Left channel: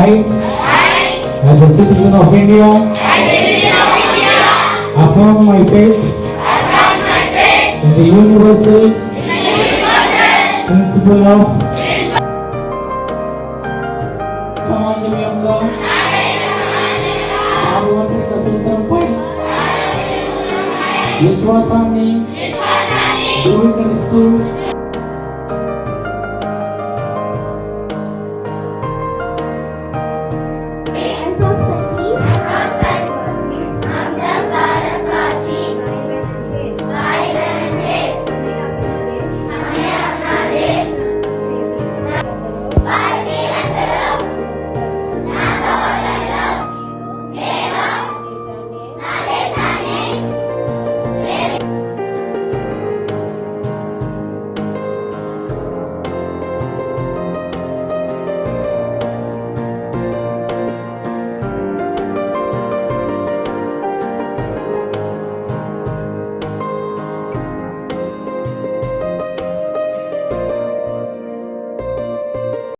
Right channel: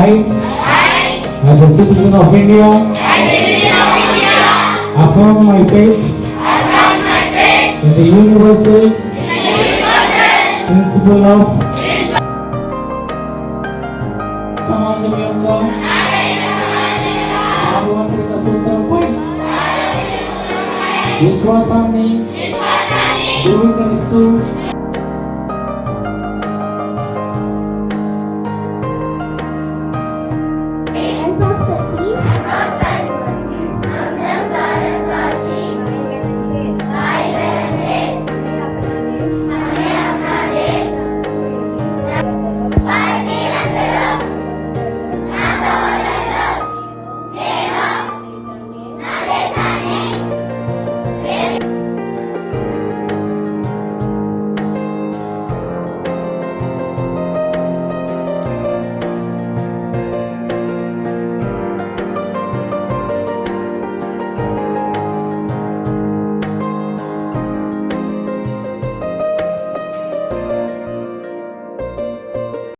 as a citizen of India, affirm my faith in the universal principle of సమాజం యొక్క సార్వత్రిక సూత్రంపై విశ్వాసాన్ని ధృవీకరిస్తూ